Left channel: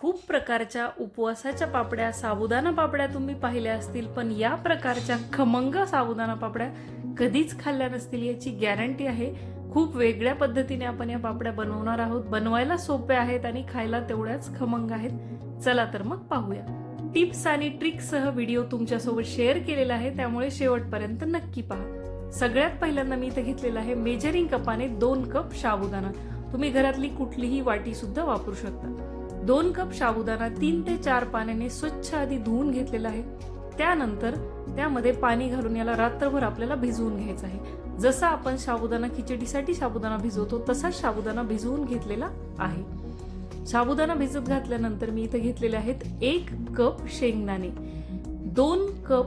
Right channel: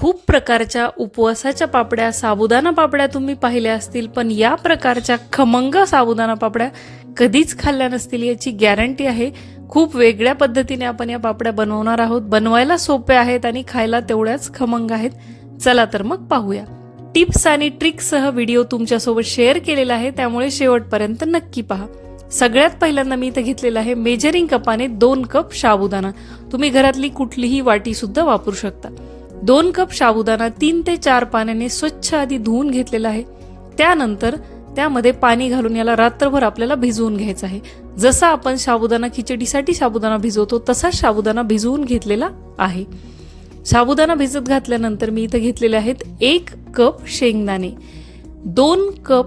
खूप प्रकारच्या उपवासाच्या पापड्या साबुदाणा पापड्या तुम्ही पाहिल्या असतील पण या प्रकारच्या खमंग साबुदाणा पापड्या कधीच खाल्ल्या नसतील याची गॅरंटी आहे. खूप वेगळ्या पद्धतीने आपण या पापड्या बनवणार आहोत. बनवायला सोप्या आहेत आणि खायला तेवढ्याच खमंग आहेत. चला तर मग पाहूया. टिप्स आणि ट्रिक्ससह व्हिडिओ तुमच्यासोबत शेअर केलेला आहे त्यामुळे शेवटपर्यंत नक्की पहा. सगळ्यात पहिल्यांदा मी इथं घेतलेलं आहे मेजरिंग कपाने दोन कप साबुदाणा. तुम्ही घरातली कुठलीही वाटी सुद्धा वापरू शकता. दोन कप साबुदाणा तीन ते चार पाण्याने स्वच्छ आधी धुवून घेतलेला आहे. त्यानंतर त्यामध्ये पाणी घालून याला रात्रभर आपल्याला भिजवून घ्यायचं आहे. जसा आपण साबुदाणा खिचडीसाठी साबुदाणा भिजवतो तसाच साबुदाणा भिजवून घेतलेला आहे. साबुदाणा भिजत घातल्यानंतर मी इथं घेतलेले आहेत एक कप शेंगदाणे. दोन कप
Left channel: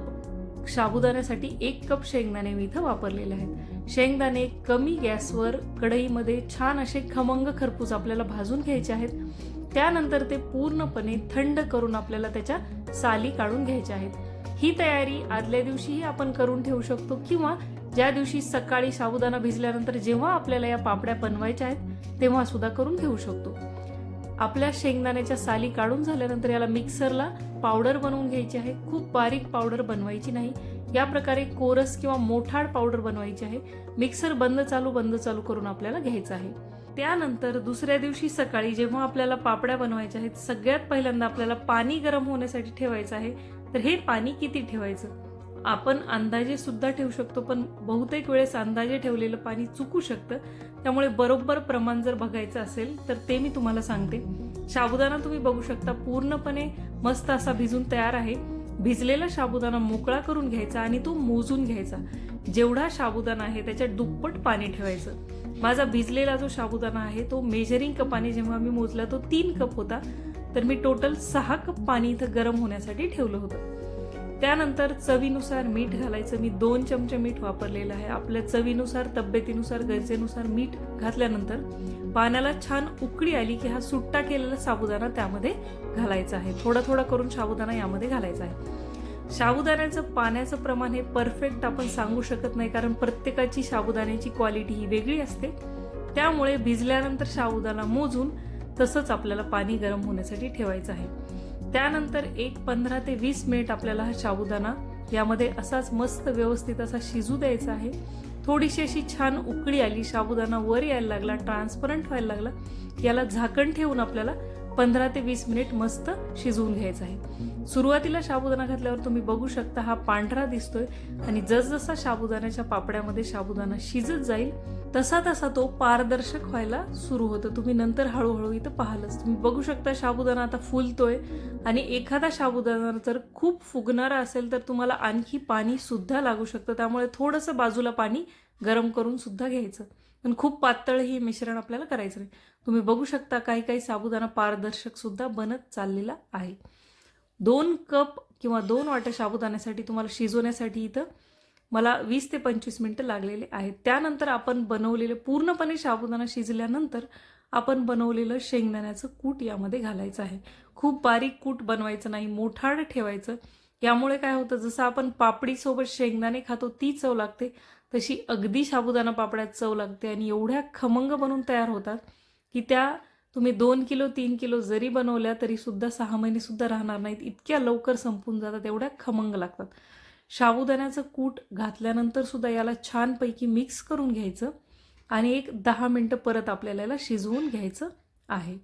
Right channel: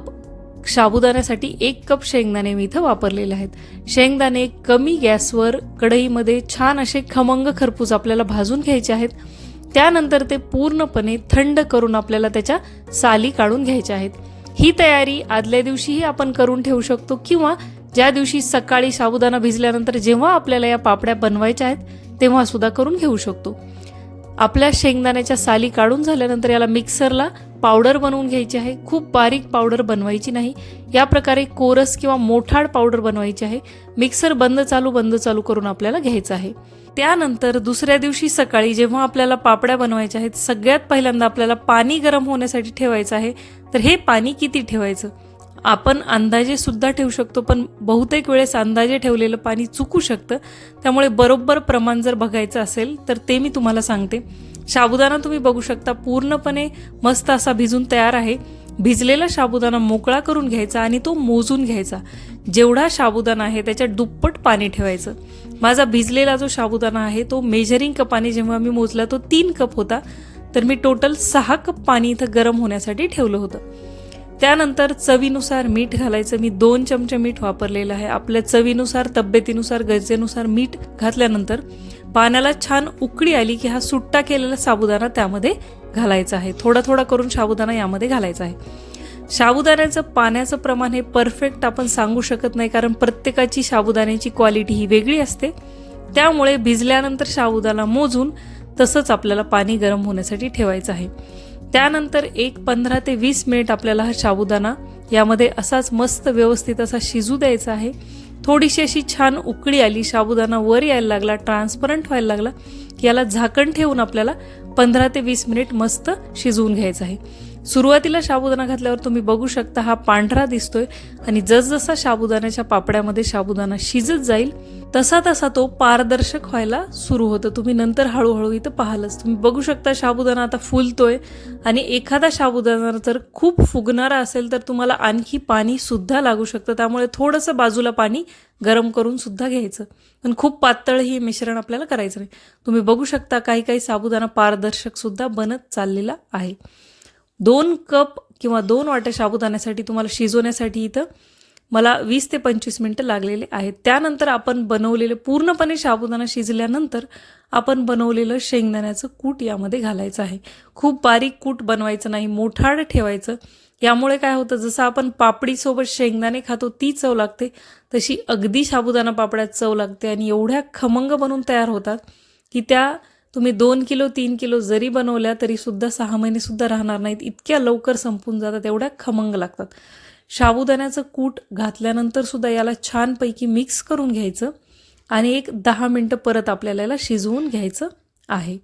साबुदाण्यासाठी एक कप शेंगदाणे मी इथं वापरलेले आहेत. शेंगदाणे कमी गॅसवर कढईमध्ये छान असे खमंग खरपूस आपल्याला भाजून घ्यायचे आहेत. त्यानंतर ते पूर्णपणे थंड करून आपल्याला त्याच्या साली काढून घ्यायच्या आहेत. ही तयारी आदल्या दिवशीही आपण करून ठेवू शकतो किंवा ज्या दिवशी सकाळी साबुदाणा भिजल्यानंतर जेव्हा आपल्याला या पापड्या बनवायच्या आहेत तेव्हा सुद्धा करून घेऊ शकतो. आपल्या शेंगदाण्याच्या साली काढून झाल्यानंतर याला मिक्सरला पावडर बनवून घ्यायची आहे. खूप बारीक पावडर बनवायची नाही. या प्रकारे कोरस किंवा मोठाड पावडर बनवायची आहे. मिक्सर बंद चालू बंद चालू करून आपल्याला घ्यायचं आहे. त्यानंतर दुसऱ्या दिवशी सकाळी जेव्हा आपल्याला पापड्या बनवायच्या आहेत सगळ्यात पहिल्यांदा आपल्याला पाणी गरम होण्यासाठी ठेवायचं आहे. तर हे पाणी किती ठेवायचं? आपण अंदाजे सुद्धा ठेवू शकतो पण बहुतेक वेळेस अंदाजे ठेवलेलं पाणी चुकू शकतं. त्यामुळे बरोबर प्रमाण जर बघायचं असेल तर ते मी तुम्हाला सांगते. साबुदाणा तुम्ही बघू शकता पूर्णपणे मस्त असा भिजून तयार आहे. भिजलेला साबुदाणा मोकळा करून घ्यायचा आणि तो मोजून घ्यायचा. जेवढा साबुदाणा आहे त्याच्यात दुप्पट पाणी ठेवायचं. माझा भिजलेला जो साबुदाणा आहे तो मेजरिंग कपाने जेव्हा मी मोजला तो तीन कप होता. तर मी टोटल सहा कप पाणी इथं गरम होण्यासाठी ठेवलं होतं. त्यानंतर चवीनुसार मीठ घालायचं. मी दोन चमचे मीठ वापरलेलं आहे. आपल्या चवीनुसार तब्येतीनुसार गरजेनुसार मीठ घातल्यानंतर पाण्याला छान उकळी आली की हा सुट्टा केलेला साबुदाणा त्यामध्ये घालायचा आहे. थोडा थोडा करून साबुदाणा यामध्ये घालायचा आहे. साबुदाण्याचं पाण्याचं प्रमाण हे परफेक्ट आपण सांगू शकत नाही कारण प्रत्येकाची साबुदाण्याची क्वालिटी ही वेगळी असते. त्यामुळे भिजल्यानंतर साबुदाणा मोजून तसंच आपल्याला पाणी गरम होण्यासाठी ठेवायचं आहे. त्यानंतर एक पंधरा ते वीस मिनिट आपल्याला हा साबुदाणा यामध्ये असाच मस्त व्यवस्थित असा शिजू द्यायचा आहे. थोडीशी अशी छान उकळी आली साबुदाणा वर यायला लागला ट्रान्सपरंट व्हायला लागला. याला झाकण ठेवून आपल्याला पंधरा ते वीस मिनिट मस्त शिजवून घ्यायचं आहे. सुरुवातीला साबुदाणा घातल्यावर तुम्ही बघू शकता हा पांढरा दिसतोय आणि जसजसा साबुदाण्याच्या पापड्यामध्ये साबुदाणा शिजत जाईल तसा तसा तो पारदर्शक व्हायला सुरू होतं. तुम्ही नंतर हळूहळू इथं पाहालच. तुम्ही बघू शकता साबुदाणा आता फुलतोय आणि एखादा साबुदाणा जर खूप फुगणारा असेल तर तुम्हाला आणखी पाणी सुद्धा लागू शकतं. त्यामुळे थोडंसं बाजूला पाणी गरम करून सुद्धा घ्यायचं. पण खूप पातळ ही मिश्रण आपल्याला करायचं नाही. तुम्ही बघू शकता काही काही साबुदाणा पारदर्शक सुद्धा बनत चाललेला आहे. दोन कप किंवा दोन वाट्या साबुदाण्यासाठी तुम्हाला शिजवण्यासाठी इथं मला वीस ते पंचवीस मिनटं लागलेले आहेत. त्यानंतर आपण बनवलेले पूर्णपणे साबुदाणा शिजल्यानंतर आपण बनवलेलं शेंगदाण्याचं कूट यामध्ये घालायचं आहे. खूप बारीक कूट बनवायचं नाही मोठाड ठेवायचं. यामुळे काय होतं जसं आपण पापडीसोबत शेंगदाणे खातो ती चव लागते. तशी अगदी साबुदाणा पापड्यात चव लागते आणि एवढ्या खमंग बनून तयार होतात की त्या तुम्ही दोन किलो तीन किलो जरी बनवल्या तरीसुद्धा सहा महिनेसुद्धा राहणार नाहीत. इतक्या लवकर संपून जातात एवढ्या खमंग लागतात. साबुदाण्याचं कूट घातल्यानंतर सुद्धा याला छानपैकी मिक्स करून घ्यायचं आणि एक दहा मिनटं परत आपल्याला याला शिजवून घ्यायचं आहे.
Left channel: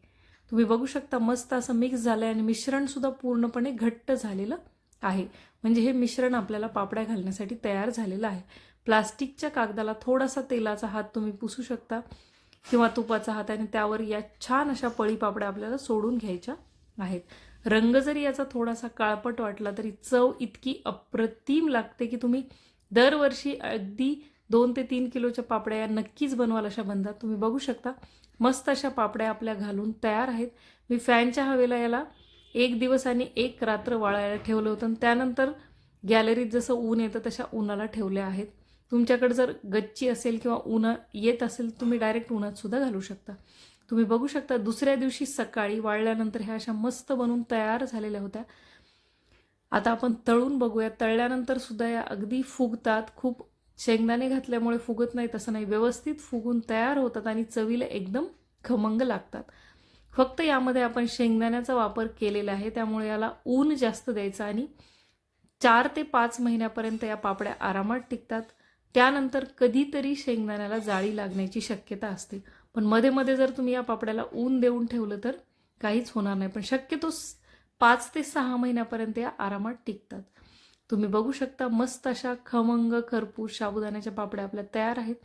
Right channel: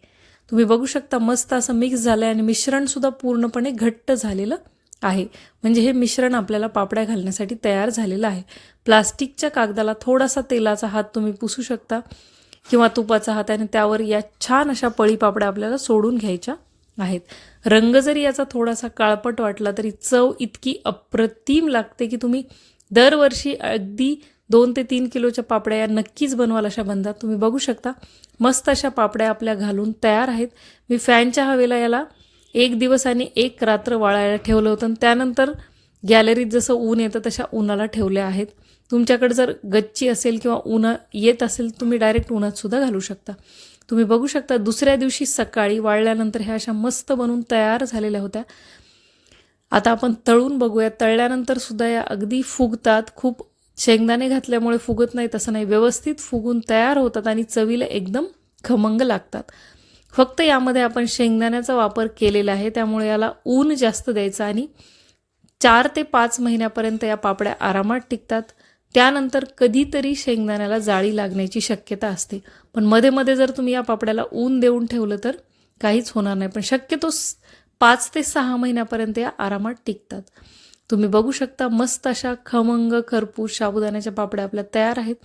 तुम्ही बघू शकता मस्त असं मिक्स झालं आहे आणि मिश्रणसुद्धा पूर्णपणे घट्ट झालेलं आहे. म्हणजे हे मिश्रण आपल्याला पापड्या घालण्यासाठी तयार झालेलं आहे. प्लास्टिकच्या कागदाला थोडासा तेलाचा हात तुम्ही पुसू शकता किंवा तुपाचा हात आणि त्यावर या छान अशा पळी पापड्या आपल्याला सोडून घ्यायच्या आहेत. रंग जरी याचा थोडासा काळपट वाटला तरी चव इतकी अप्रतिम लागते की तुम्ही दरवर्षी अगदी दोन ते तीन किलोच्या पापड्या या नक्कीच बनवाल अशा बनतात तुम्ही बघू शकता. मस्त अशा पापड्या आपल्या घालून तयार आहेत. मी फॅनच्या हवेला याला एक दिवस आणि एक रात्र वाळायला ठेवलं होतं. आणि त्यानंतर गॅलरीत जसं ऊन येतं तशा उन्हाला ठेवल्या आहेत. तुमच्याकडे जर गच्ची असेल किंवा ऊन येत असेल तुम्ही डायरेक्ट उन्हात सुद्धा घालू शकता. तुम्ही बघू शकता दुसऱ्या दिवशी सकाळी वाळल्यानंतर ह्या अशा मस्त बनून तयार झालेल्या होत्या. आता आपण तळून बघूया. तळल्यानंतर सुद्धा या अगदी फुगतात. खूप शेंगदाणे घातल्यामुळे फुगत नाही तसं नाही. व्यवस्थित फुगून तयार होतात आणि चवीला एकदम खमंग लागतात. फक्त यामध्ये आपण शेंगदाण्याचा वापर केलेला आहे त्यामुळे याला ऊन जास्त द्यायचं आणि चार ते पाच महिन्यापर्यंत या पापड्या आरामात टिकतात. त्यानंतर कधीतरी शेंगदाण्याला जाळी लागण्याची शक्यता असते. पण मध्ये मध्ये जर तुम्ही या पापड्याला ऊन देऊन ठेवलं तर काहीच होणार नाही. पण शक्यतो पाच ते सहा महिन्यापर्यंत या आरामात टिकतात. तुम्ही बघू शकता मस्त अशा खमंग खरपूस साबुदाण्याच्या पापड्या आपल्या तयार आहेत.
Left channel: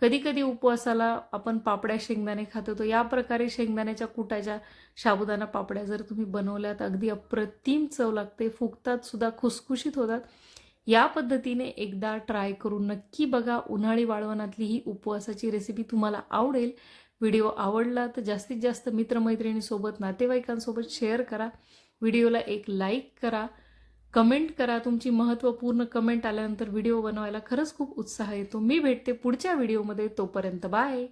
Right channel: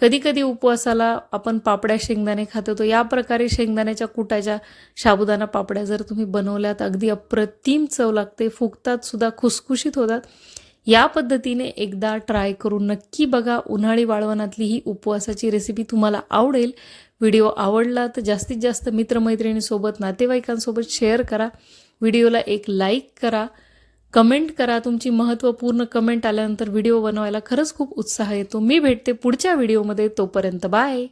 कधीकधी उपवासाला आपण पापड्या शेंगदाणे खातो तो या प्रकारे शेंगदाण्याच्या कुटाच्या साबुदाणा पापड्या जर तुम्ही बनवल्यात अगदी अप्रतिम चव लागते फुगतात सुद्धा खुसखुशीत होतात. या पद्धतीने एकदा ट्राय करून नक्की बघा. उन्हाळी वाळवणातली ही उपवासाची रेसिपी तुम्हाला आवडेल. व्हिडिओ आवडला तर जास्तीत जास्त मित्रमैत्रिणीसोबत नातेवाईकांसोबत शेअर करा. व्हिडिओला एक लाईक करा. कमेंट करा. तुमची महत्त्वपूर्ण कमेंट आल्यानंतर व्हिडिओ बनवायला खरंच खूप उत्साह येतो. मी भेटते पुढच्या व्हिडिओमध्ये. तोपर्यंत बाय.